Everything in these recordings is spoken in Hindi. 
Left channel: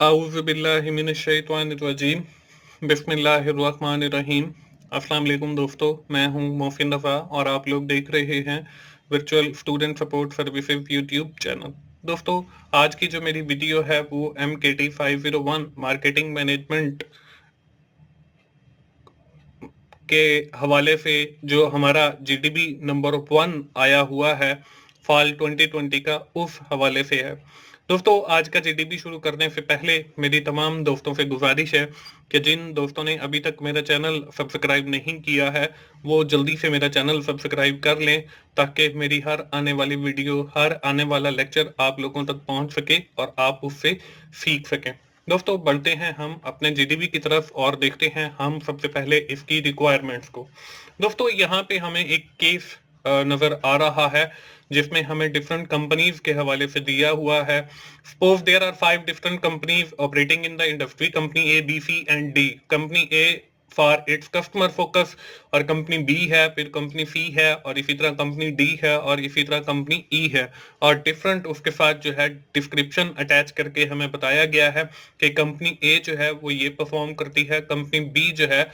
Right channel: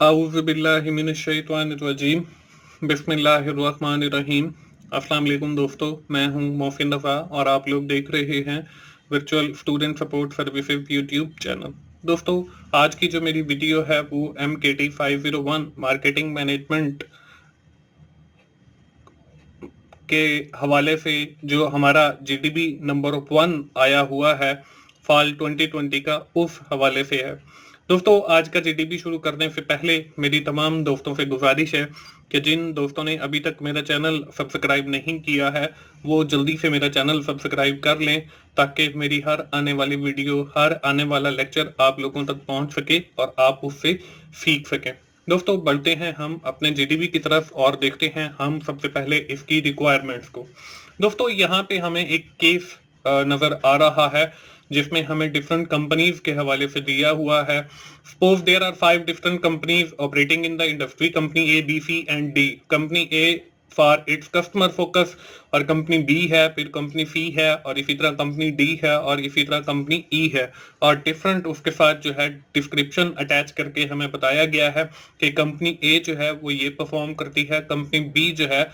आऊज़ु बिल्लाहि मिनश्शैतानिर्रजीम बिस्मिल्लाहिर्रहमानिर्रहीम। अस्सलाम वालेकुम दोस्तों, मैं हूं मोहसिन रफ़ा और आप लोग देख रहे हैं virtual student support services YouTube channel. दोस्तों, आज की जो मेरी वीडियो है वो MKT 501 मार्केटिंग मैनेजमेंट के हवाले से जो हमारा GDP नंबर 1 आया हुआ है फॉल 2020 का, उस हवाले से है। दोस्तों, आज का GDP शुरू करने से पहले मेरी तमाम दोस्तों से गुजारिश है कि जिन दोस्तों ने अभी तक मेरा चैनल सब्सक्राइब नहीं किया है वो जल्दी से मेरा चैनल सब्सक्राइब कर लें, ताकि मेरी हर आने वाली वीडियो, हर आने वाला लेक्चर आप लोगों तक पहुंच सके और आप उससे सीख सकें। दोस्तों, बढ़ते हैं हम अपने GDP की तरफ और देखते हैं हम सबसे पहले इसकी रिक्वायरमेंट्स को। दोस्तों, यहाँ पे हमें एक केस नजर आ रहा है जिसमें हमें डिफरेंट कंपनीज के हवाले से दिया हुआ है। Suppose there are 5 different companies operating in the industry, company A, B, C and D। Company A for its customer focus, और कंपनी B है, फिर कंपनी C है, और इसी तरह कंपनी D है, और इसी तरह कंपनी E है। और डिफरेंट उसके साथ जो है डिस्क्रिप्शन अटैच करके हमें बताया गया है कि कंपनी A जो है वो ये परफॉर्म करती है, कंपनी B जो है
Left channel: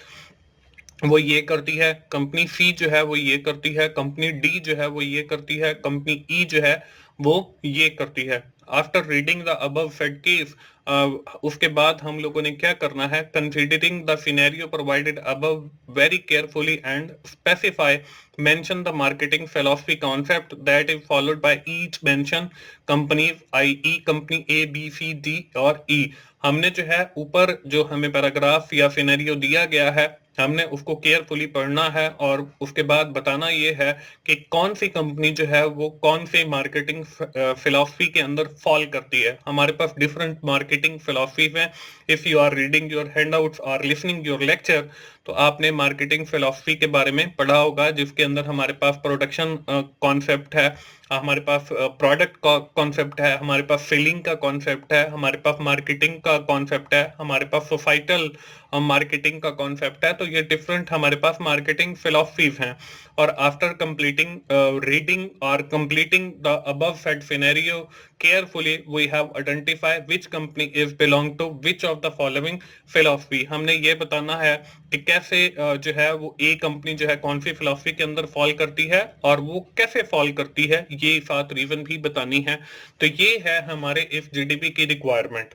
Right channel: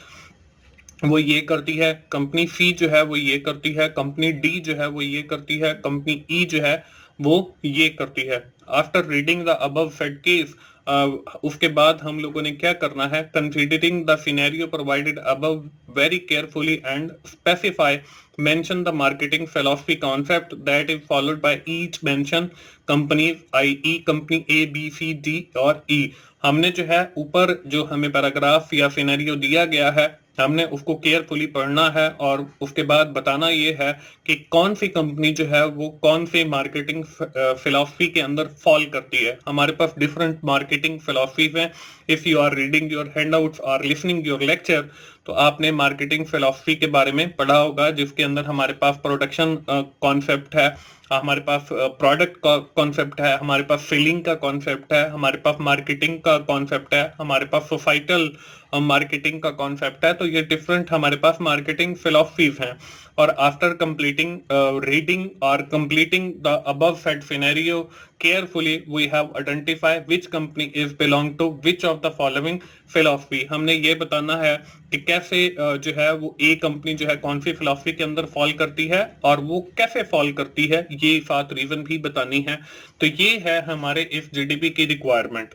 वो ये करती है, कंपनी C जो है वो ये करती है, कंपनी D जो है वो ये करती है, कंपनी E जो है वो ये करती है। After reading the above said case, उसके बाद हम लोगों ने क्या करना है, considering the scenario provided above very carefully and specify mention the marketing philosophy concept that is followed by each mention companies, i.e. Company A, B, C, D और E। हमने जो है ऊपर जो हमें पैराग्राफ या सिनेरियो दिया गया है, हमने उसको केयरफुली पढ़ना है और उसके बाद बताना ये है कि कौन सी कंपनी जो है वो कौन से मार्केटिंग फिलॉसफी के अंदर फॉल करती है। हमारे पास डिफरेंट मार्केटिंग फिलॉसफीज हैं। If you are reading your handouts और लिसनिंग योर लेक्चर, तो आपने मार्केटिंग फिलॉसफी के बारे में पढ़ा होगा, जिसके अंदर हमारे पास प्रोडक्शन कॉन्सेप्ट है, हमारे पास प्रोडक्ट का कॉन्सेप्ट है, हमारे पास सेलिंग का कॉन्सेप्ट है, हमारे पास मार्केटिंग का कॉन्सेप्ट है, हमारे पास सोसाइटल मार्केटिंग का कॉन्सेप्ट है। तो ये डिफरेंट हमारे पास मार्केटिंग फिलॉसफीज हैं। और आफ्टर कंप्लीटिंग रीडिंग और completing the above said scenario carefully, we have identify which company is belong to which of the following philosophy. हमने ये बताना है कि कैसे जो है वो ए कंपनी जो है कौन सी फिलॉसफी के अंदर फॉल करती है और वो कैसे फॉल करती है, ये साथ रीजन भी बतानी है। तो ये है हमारे इस GDP की रिक्वायरमेंट।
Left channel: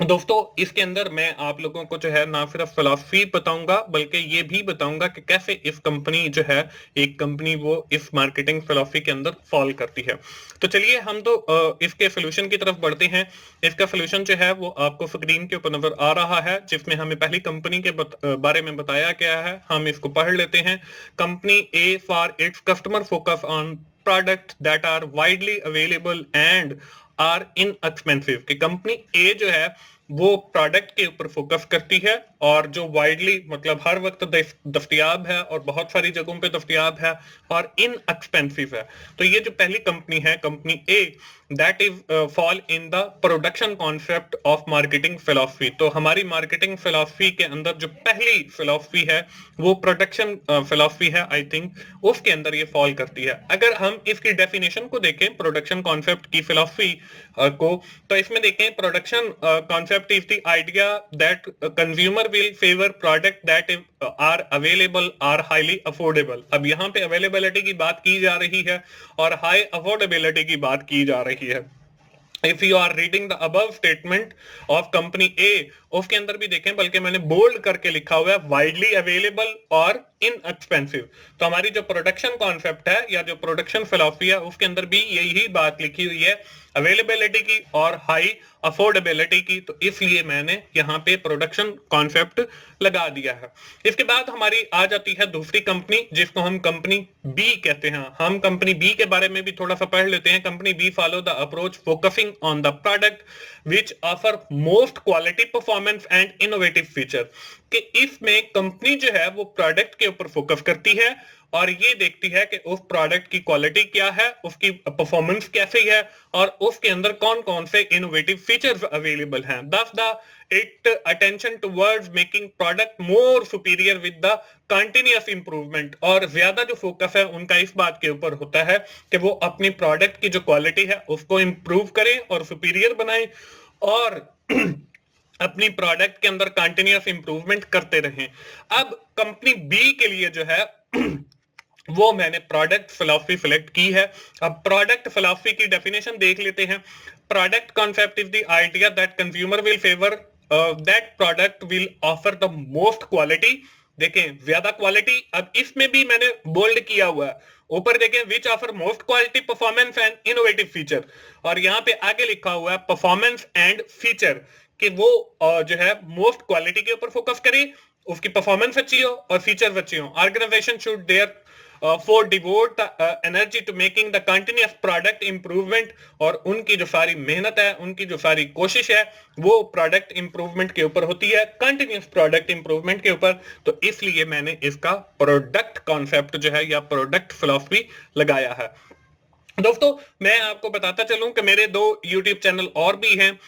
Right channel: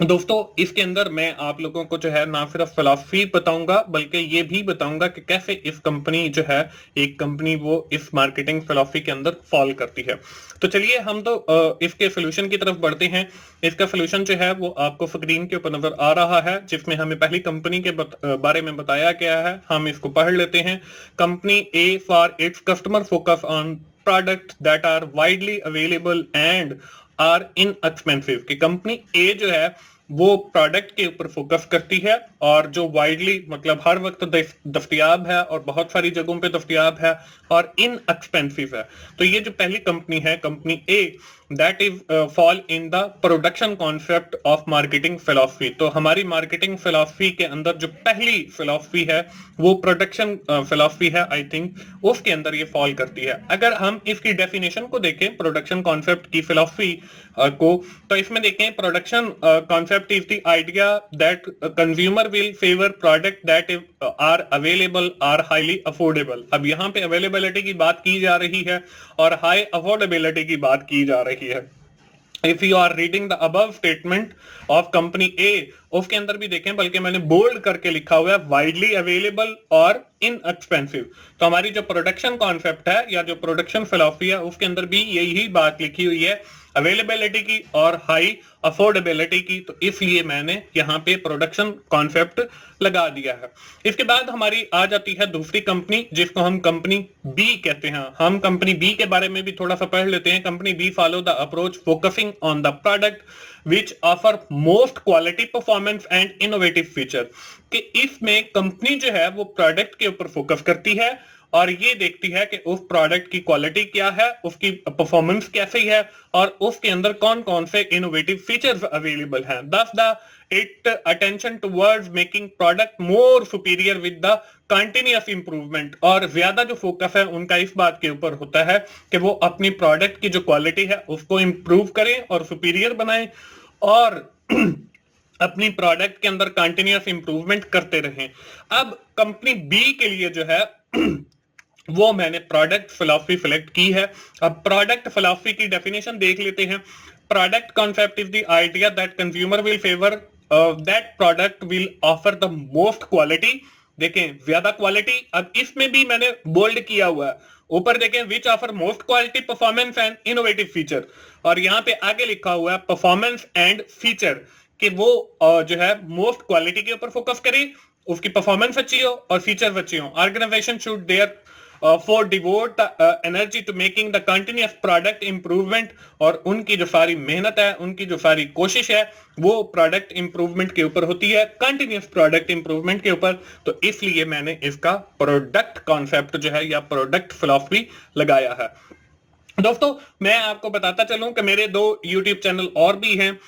दोस्तों, इसके अंदर मैं आप लोगों को जो है ना सिर्फ फिलॉसफी बताऊंगा, बल्कि ये भी बताऊंगा कि कैसे इस कंपनी जो है, एक कंपनी वो इस मार्केटिंग फिलॉसफी के अंदर फॉल करती है। तो चलिए हम तो इसके सोल्यूशन की तरफ बढ़ते हैं। इसका सोल्यूशन जो है वो आपको स्क्रीन के ऊपर नजर आ रहा है, जिसमें हमें पहली कंपनी के बारे में बताया गया है। हम इसको पढ़ लेते हैं। Company A for its customer focus on product that are widely available and are inexpensive. कि कंपनी ए जो है वो प्रोडक्ट के ऊपर फोकस करती है और जो वाइडली मतलब हर वक्त दस्तयाब है और बहुत सारी जगहों पे दस्तयाब है और इनएक्सपेंसिव है। तो ये जो पहली कंपनी है, company A, that is fall in the production concept of marketing philosophy. तो हमारी मार्केटिंग फिलॉसफी के अंदर जो पहली फिलॉसफी है वो प्रोडक्शन फिलॉसफी है, आई थिंक उसके अंदर ये फॉल करती है। अगर हम इसकी डेफिनेशन को देखें प्रोडक्शन कॉन्सेप्ट की फिलॉसफी को, तो इसमें देखें production concept is the idea that consumer will favour product that are available are highly affordable. अब यहाँ पे अवेलेबिलिटी की बात की जा रही है और हाई अफोर्डेबिलिटी की बात की जा रही है। If you are reading the above statement of company A, उसके अंदर भी देखें, बल्कि मैंने बोल्ड करके लिखा हुआ है वाइडली अवेलेबल और इनएक्सपेंसिव। तो हमारी जो प्रोडक्शन कॉन्सेप्ट है या जो प्रोडक्शन फिलॉसफी है उसके अंदर भी यही बात लिखी हुई है, अवेलेबिलिटी की और हाई अफोर्डेबिलिटी की। तो इसलिए मैंने यहाँ पे प्रोडक्शन कॉन्सेप्ट लगा दिया है। इसके बाद हमारी आ जाती है दूसरी कंपनी, जिसको हम कंपनी बी कहते हैं। हम कंपनी बी के बारे में भी थोड़ा सा पढ़ लेते हैं। Company B follow the approach focusing on the product which offer most quality performance and innovative feature. कि इसमें कंपनी जो है वो प्रोडक्ट के ऊपर फोकस करती है और ये देखती है कि उस प्रोडक्ट की क्वालिटी क्या है, उसकी परफॉर्मेंस कैसी है और उसके अंदर कौन कौन से इनोवेटिव फीचर्स अवेलेबल हैं। दस the it attention towards making product more superior with the continuous improvement. और ज्यादा जो फोकस है उनका इस बात के ऊपर होता है कि वो अपनी प्रोडक्ट की जो क्वालिटी है उसको इंप्रूव करें और सुपीरियर बनाएं। और अपनी प्रोडक्ट के अंदर कंटिन्यूअस इंप्रूवमेंट करते रहें। अब कंपनी बी के लिए जो है वो मैंने प्रोडक्ट फिलॉसफी सिलेक्ट की है। अब प्रोडक्ट फिलॉसफी की डेफिनेशन देख लेते हैं। Product concept is the idea that consumer will favour that product will offer the most quality. देखें ज्यादा क्वालिटी, अब इसमें भी मैंने बोल्ड किया हुआ है, ऊपर देखें which offer most quality performance and innovative feature, और यहाँ पे आगे लिखा हुआ है परफॉर्मेंस एंड फीचर, कि वो जो है मोस्ट क्वालिटी के ऊपर फोकस करे, उसकी परफॉर्मेंस अच्छी हो और फीचर अच्छी हो। Organisation should there for devote the energy to making the continuous product improvement, और उनकी जो सारी मेहनत है, उनकी जो सारी कोशिश है, वो प्रोडक्ट इंप्रूवमेंट के ऊपर होती है, कंटिन्यूस प्रोडक्ट इंप्रूवमेंट के ऊपर। तो इसलिए मैंने इसका प्रोडक्ट कॉन्सेप्ट जो है या प्रोडक्ट फिलॉसफी लगाया है। दोस्तों मैं आपको बताता चलूं कि मेरे 2 YouTube चैनल और भी हैं,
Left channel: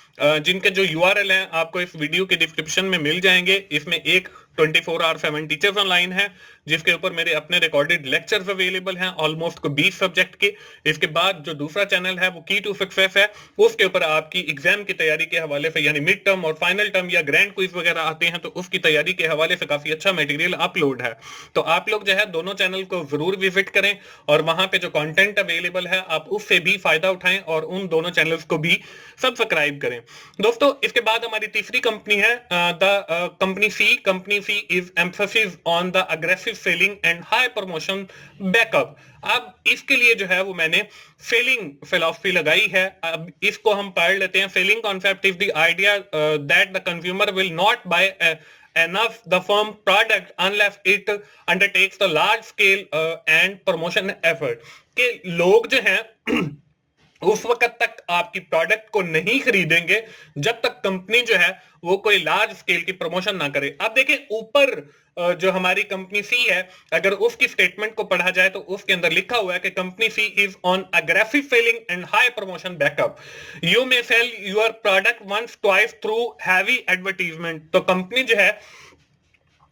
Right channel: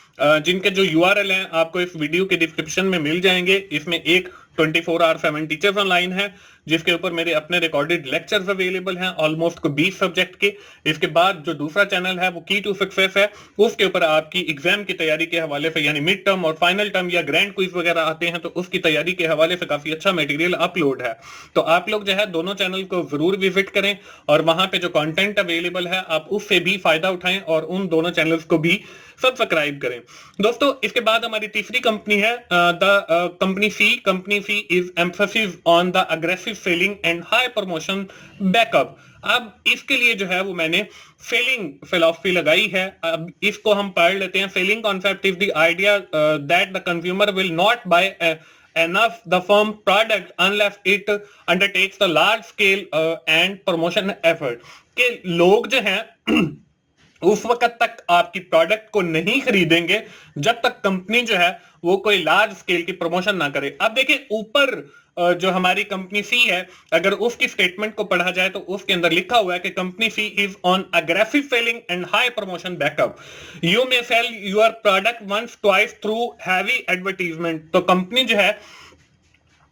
जिनके जो URL हैं आपको इस वीडियो के डिस्क्रिप्शन में मिल जाएंगे। इसमें एक 24/7 टीचर्स ऑनलाइन है, जिसके ऊपर मेरे अपने रिकॉर्डेड लेक्चर्स अवेलेबल हैं ऑलमोस्ट 20 सब्जेक्ट के। इसके बाद जो दूसरा चैनल है वो की टू सक्सेस है, उसके ऊपर आपकी एग्जाम की तैयारी के हवाले से, यानी मिड टर्म और फाइनल टर्म या ग्रैंड क्विज वगैरह आते हैं, तो उसकी तैयारी के हवाले से काफी अच्छा मटेरियल अपलोड है। तो आप लोग जो है दोनों चैनल को जरूर विजिट करें, और वहां पे जो कंटेंट अवेलेबल है आप उससे भी फायदा उठाएं, और उन दोनों चैनल्स को भी सब्सक्राइब करें। दोस्तों इसके बाद हमारी तीसरी कंपनी है the company C. Company C is emphasis on the aggressive selling and high promotion backup. अब इसके लिए जो है वो मैंने सेलिंग फिलॉसफी लगाई है। अब इसको हम पढ़ लेते हैं। Selling concept is the idea that the consumer will not buy enough the firm product unless it undertakes the large scale and promotion effort, कि लोग जो हैं उस वक्त तक आपकी प्रोडक्ट को नहीं खरीदेंगे जब तक कंपनी जो है वो कोई लार्ज स्केल की प्रमोशन ना करे। अब देखिए ऊपर जो हमारी कंपनी सी है, अगर उसकी स्टेटमेंट को पढ़ा जाए तो उसके अंदर लिखा हुआ है कि company C is on aggressive selling and high promotion backup. You may sell your product once twice through heavy advertisement. तो कंपनी जो है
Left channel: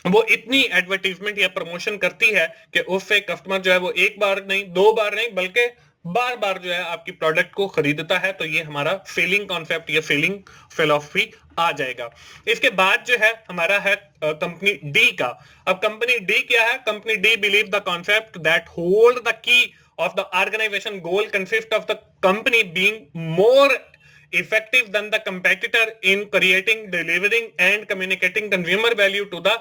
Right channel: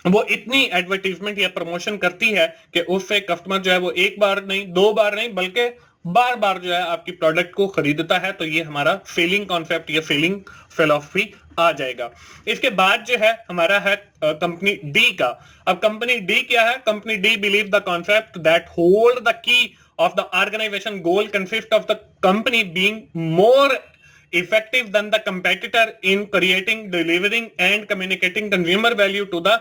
वो इतनी एडवर्टीजमेंट या प्रमोशन करती है कि उससे कस्टमर जो है वो एक बार नहीं, 2 बार नहीं, बल्कि बार बार जो है आपकी प्रोडक्ट को खरीदता है। तो ये हमारा सेलिंग कॉन्सेप्ट या सेलिंग फिलॉसफी आ जाएगा। इसके बाद जो है हमारा है कंपनी डी का। अब कंपनी डी क्या है? Company D believe the concept that hold the key of the organization goal consists of the company being more effective than the competitor in creating, delivering and communicating consumer value to the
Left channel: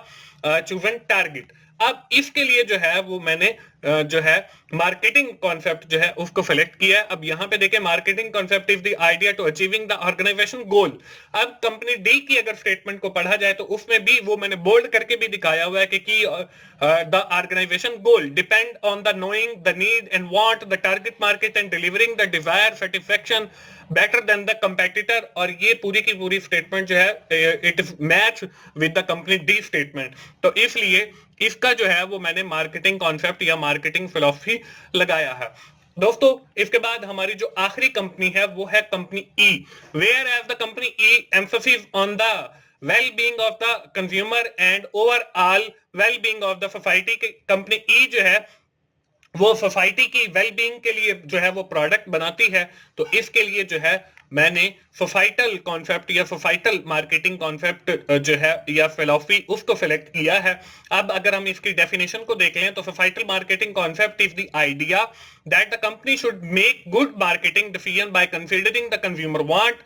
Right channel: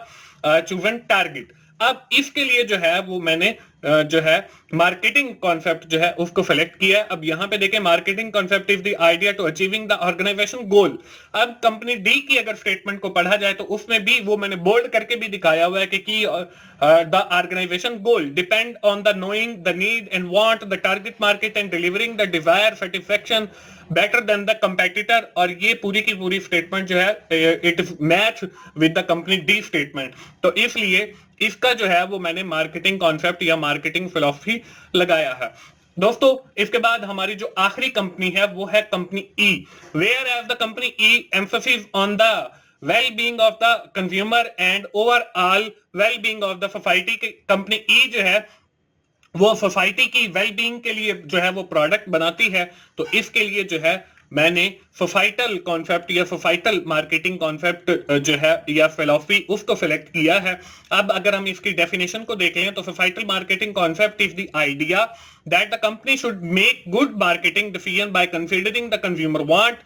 chosen target। अब इसके लिए जो है वो मैंने जो है मार्केटिंग कॉन्सेप्ट जो है उसको सेलेक्ट किया है। अब यहाँ पे देखें marketing concept is the idea to achieving the organisation goal. अब कंपनी डी की अगर स्टेटमेंट को पढ़ा जाए तो उसमें भी वो मैंने बोल्ड करके भी दिखाया हुआ है कि the organisation goal depend on the knowing the need and want the target market and delivering the desire satisfaction better than the competitor. और ये पूरी की पूरी स्टेटमेंट जो है it is match with the company D statement. तो इसलिए इसका जो है वो मैंने मार्केटिंग कॉन्सेप्ट या मार्केटिंग फिलॉसफी लगाया है। दोस्तों इसके बाद हमारी जो आखिरी कंपनी है वो है company E. Whereas the company E emphasis on the well-being of the consumer and overall well-being of the society. Company E जो है वो सोसाइटी की वेल-बीइंग के लिए जो है वो प्रोडक्ट बनाती है। तो इसके लिए जो है मैंने सोसाइटल कॉन्सेप्ट या सोसाइटल मार्केटिंग कॉन्सेप्ट जो है या फिलॉसफी उसको सिलेक्ट किया है। अब अगर हम इसकी डेफिनेशन को देख लें तो societal marketing concept is the idea that the company should make good marketing decision by considering the consumer want,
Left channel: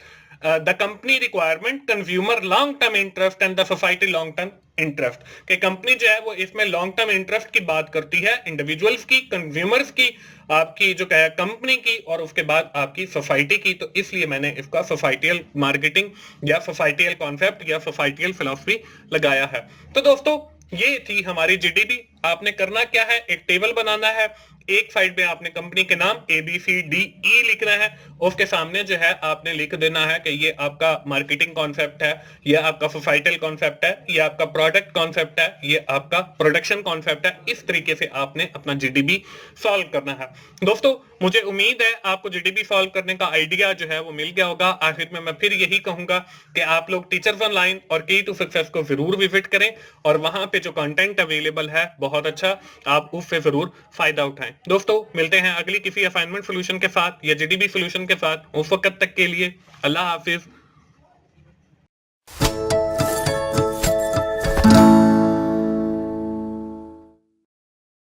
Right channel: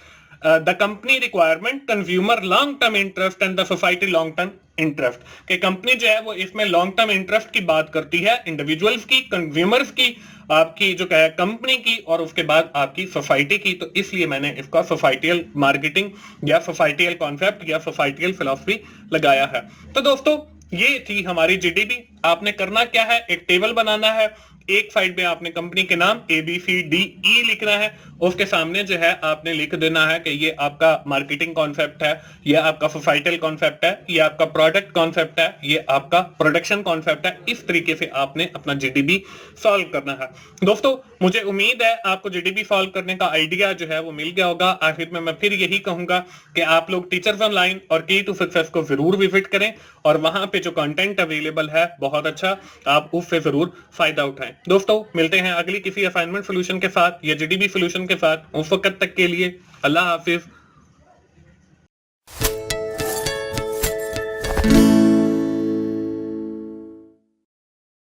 the company requirement, consumer long term interest and the society long term interest. कि कंपनी जो है वो इसमें लॉन्ग टर्म इंटरेस्ट की बात करती है, इंडिविजुअल्स की, कंज्यूमर्स की, आपकी जो है कंपनी की, और उसके बाद आपकी सोसाइटी की। तो इसलिए मैंने इसका सोसाइटियल मार्केटिंग या सोसाइटियल कॉन्सेप्ट या सोसाइटियल फिलॉसफी लगाया है। तो दोस्तों ये थी हमारी जीडीपी। आपने करना क्या है, एक टेबल बनाना है, एक साइड में आपने कंपनी के नाम ABCDE लिखना है, उसके सामने जो है आपने लिख देना है कि ये आपका मार्केटिंग कॉन्सेप्ट है, ये आपका सोसाइटल कॉन्सेप्ट है, ये आपका प्रोडक्ट कॉन्सेप्ट है, ये आपका प्रोडक्शन कॉन्सेप्ट है। इस तरीके से आपने अपना जीडीपी सॉल्व करना है। दोस्तों मुझे उम्मीद है आपको जीडीपी सॉल्व करने का आइडिया जो है वो मिल गया होगा। आखिर में मैं फिर यही कहूंगा कि आप लोग टीचर्स ऑनलाइन और की टू सक्सेस को जरूर विजिट करें, और वहां पे जो कंटेंट अवेलेबल है बहुत अच्छा, आप उससे जरूर फायदा उठाएं। दोस्तों मिलते हैं अगली किसी असाइनमेंट सोल्यूशन के साथ या जीडीपी सोल्यूशन के साथ। उस वक्त तक के लिए अल्लाह हाफिज।